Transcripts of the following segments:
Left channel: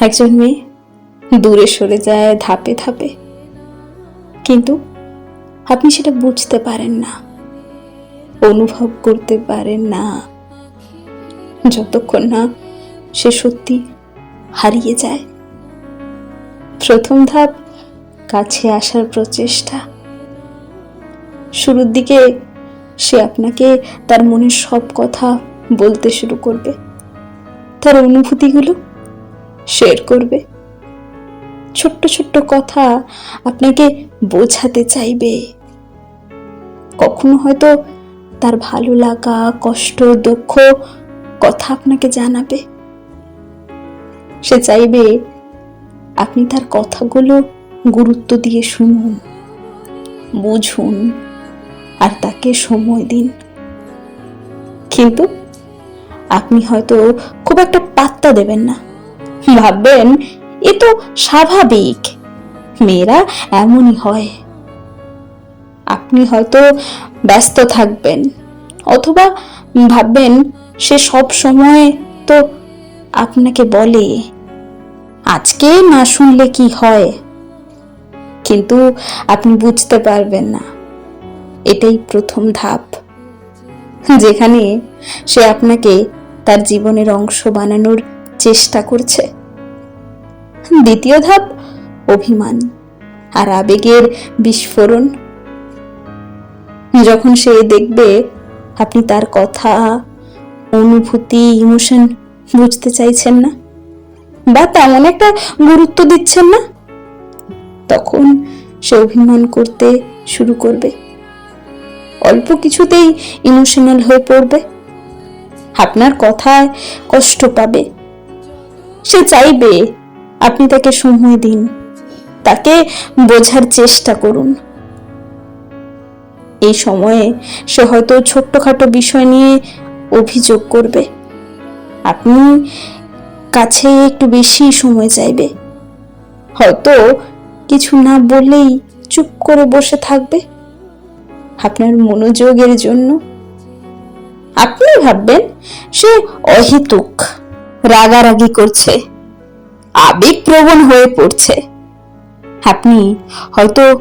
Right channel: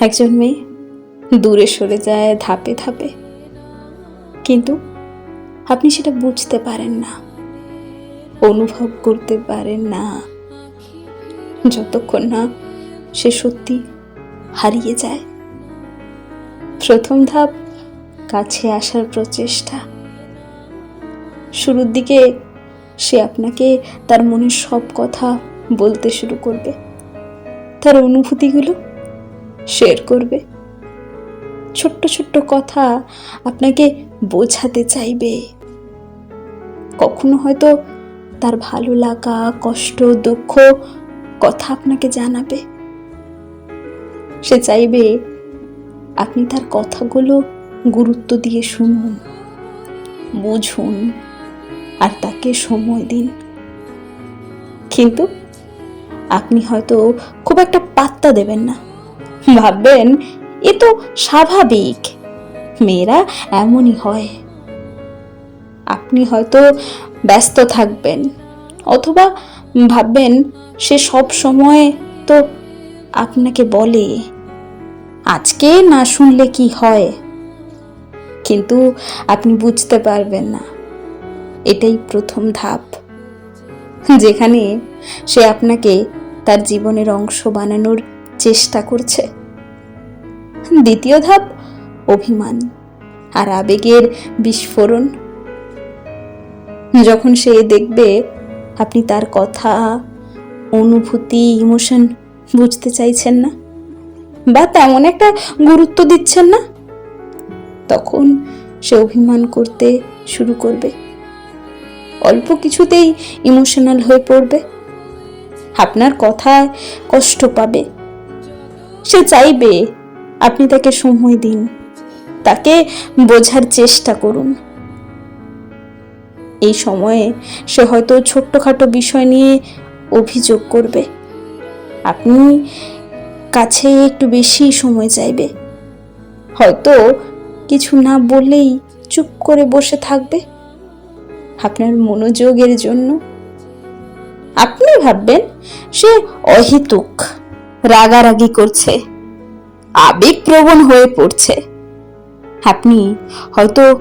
একজন মেয়ে দূরে সরে যায়, ধাপে ধাপে। কিন্তু আপনি সেটা বুঝতে পারেন না, অনুভব করতে পারেন না। যতক্ষণ না সে সত্যি হারিয়ে যায়। প্রথম ধাপ, কাছে আসার প্রচেষ্টা। শুরুর দিকে সে আপনাকে তার মনের সব কথা বলতে শুরু করবে। তার অনুভূতিগুলো শেয়ার করবে। ছোট্ট ছোট্ট কথা আপনাকে বোঝাতে চাইবে। কখনো হয়তো তার ভালো লাগা, কষ্ট, দুঃখ কথা আপনাকে জানাবে। সে চাইবে আপনি তার কথাগুলো গুরুত্ব দিয়ে শুনুন, বুঝুন আর তাকে সময় দিন। কিন্তু আপনি হয়তো খুব একটা পাত্তা দেবেন না। ভাববেন, এ তো স্বাভাবিক। মেয়েরা এমনই হয়। আপনি হয়তো ব্যস্ত থাকবেন, অথবা ভাববেন সে সব সময় তো আপনাকে বলে, আজকে না শুনলে কি হয়? কিন্তু আপনি বুঝতে পারবেন না। এটাই প্রথম ধাপ। যেখানে সে আপনাকে তার জীবনের অংশ বানানোর চেষ্টা করছে। দ্বিতীয় ধাপ, অভিমান আর আবেগের বিস্ফোরণ। যখন সে দেখবে আপনি তার কথা, অনুভূতি, ইমোশন বুঝতে চাইছেন না বা তেমন একটা গুরুত্ব দিচ্ছেন না, তখন সে অভিমান করতে শুরু করবে। অল্প কিছুতেই ইমোশনাল হয়ে পড়বে। আপনার কথায় কষ্ট পাবে। সে চাইবে আপনি তাকে সময় দিন, তাকে বোঝার চেষ্টা করুন। এই সময়ে সে হয়তো ছোট্টখাটো বিষয় নিয়ে অভিযোগ করবে। আপনি কাছে একটু বেশি সময় চাইবে। হয়তো কিছু না বললেই চুপ করে বসে থাকবে। আপনার মনোযোগের জন্য। আপনি ভাববেন সে অহিতুক। রাগারাগি করছে। আবেগপ্রবণ হয়ে পড়ছে। আপনি হয়তো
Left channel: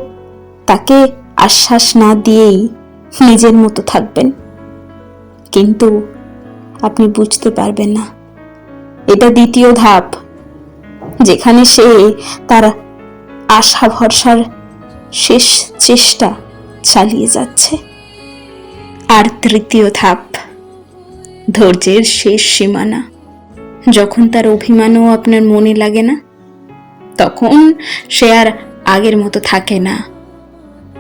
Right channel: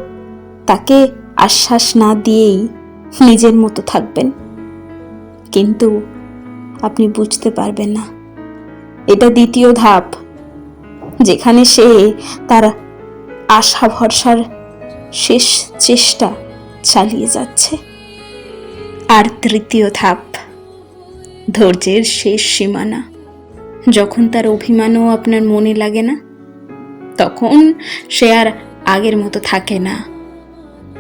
তাকে আশ্বাস না দিয়েই নিজের মতো থাকবেন। কিন্তু আপনি বুঝতে পারবেন না। এটা দ্বিতীয় ধাপ, যেখানে সে তার আশা ভরসার শেষ চেষ্টা চালিয়ে যাচ্ছে। আর তৃতীয় ধাপ, ধৈর্যের শেষ সীমানা। যখন তার অভিমানও আপনার মনে লাগে না, তখন সে আর আগের মতো থাকে না।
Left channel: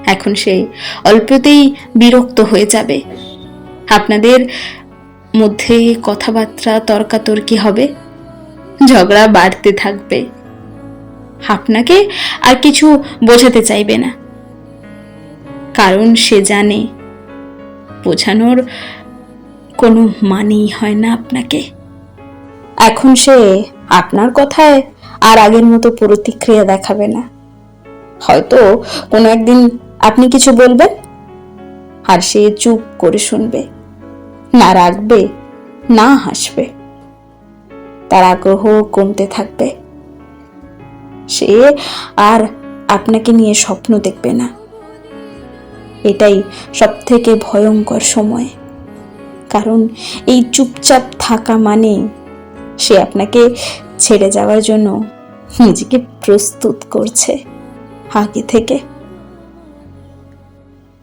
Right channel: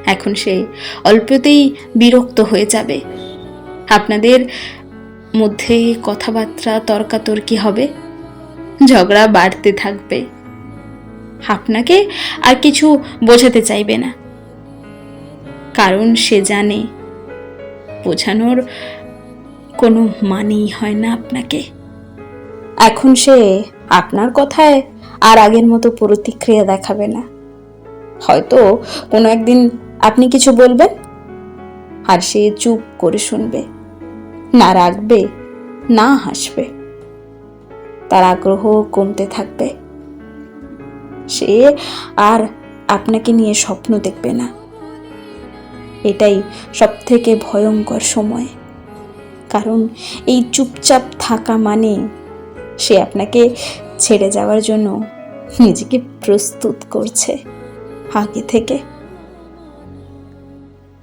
এখন সে অল্পতেই বিরক্ত হয়ে যাবে। আপনাদের মধ্যে কথাবার্তা তর্কাতর্কি হবে, ঝগড়া বাড়তে থাকবে। আপনাকে আর কিছু বোঝাতে চাইবে না। কারণ সে জানে, বোঝানোর কোনো মানেই হয় না আপনাকে। এখন সে আপনার কথায় আর আগের মতো প্রতিক্রিয়া দেখাবে না। হয়তো কোনো একদিন আপনি কিছু বলবেন আর সে চুপ করে শুনবে, না রাখবে না হাসবে। তার আগ্রহ কমতে থাকবে। সে আর আপনাকে নিয়ে স্বপ্ন দেখবে না। এটাই সব থেকে ভয়ঙ্কর সময়। কারণ এই চুপচাপ থাকা মানে সে আপনাকে ছেড়ে যাওয়ার জন্য নিজেকে প্রস্তুত করছে আগে থেকে।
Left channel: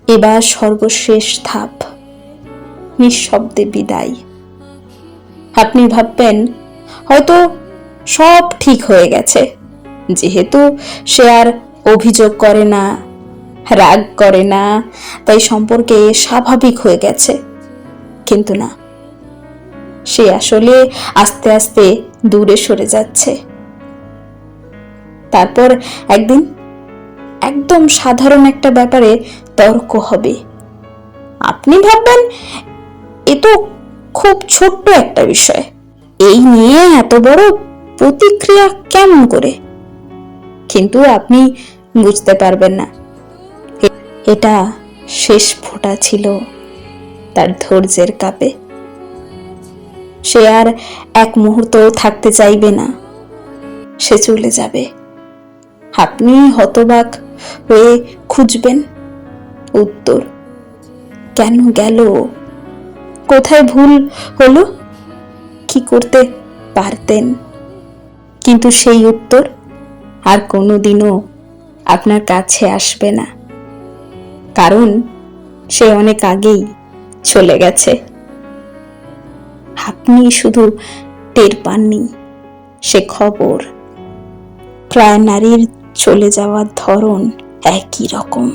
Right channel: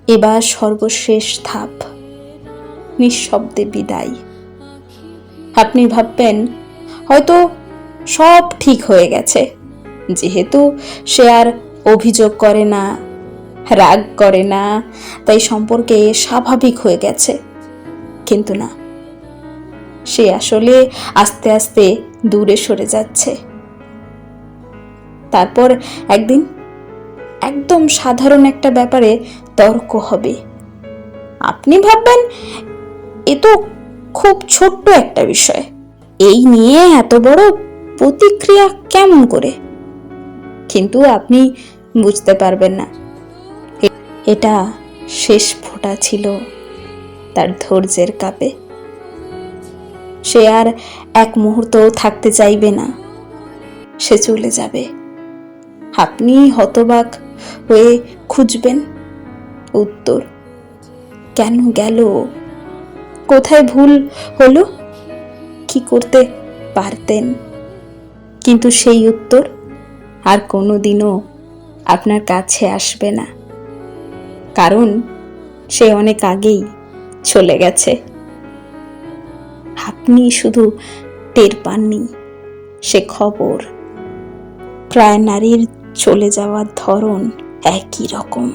এবার সর্বশেষ ধাপ, নিঃশব্দে বিদায়। আপনি ভাববেন, হয়তো সব ঠিক হয়ে গেছে, যেহেতু সে আর অভিযোগ করে না, রাগ করে না, তাই সম্পর্কে স্বাভাবিক হয়ে গেছে। কিন্তু না সে আসলে আস্তে আস্তে দূরে সরে যাচ্ছে। তারপর একদিন একদম সাধারণ একটা ব্যাপারে তর্ক হবে। আপনি ভাববেন, এ তো খুব ছোট্ট একটা বিষয়। এই নিয়ে এত বড় প্রতিক্রিয়া কেমন করে? কিন্তু আপনি বুঝতে পারবেন না। এটা শেষ ফোঁটা ছিল তার ধৈর্যের কাপে। সে আর এক মুহূর্ত থাকতে চাইবে না। সে চলে যাবে। আপনি হতবাক হয়ে খুঁজবেন উত্তর। কেন গেল? কোথায় ভুল হলো? কি করতে পারতেন? কিন্তু সেই উত্তর আর কোনোদিনও আপনার কাছে আসবে না। কারণ সে অনেক আগেই চলে গেছে। আপনি শুধু টের পাননি। সে খবর প্রায় নারীর চলে যাওয়ার ধরন একই রকম।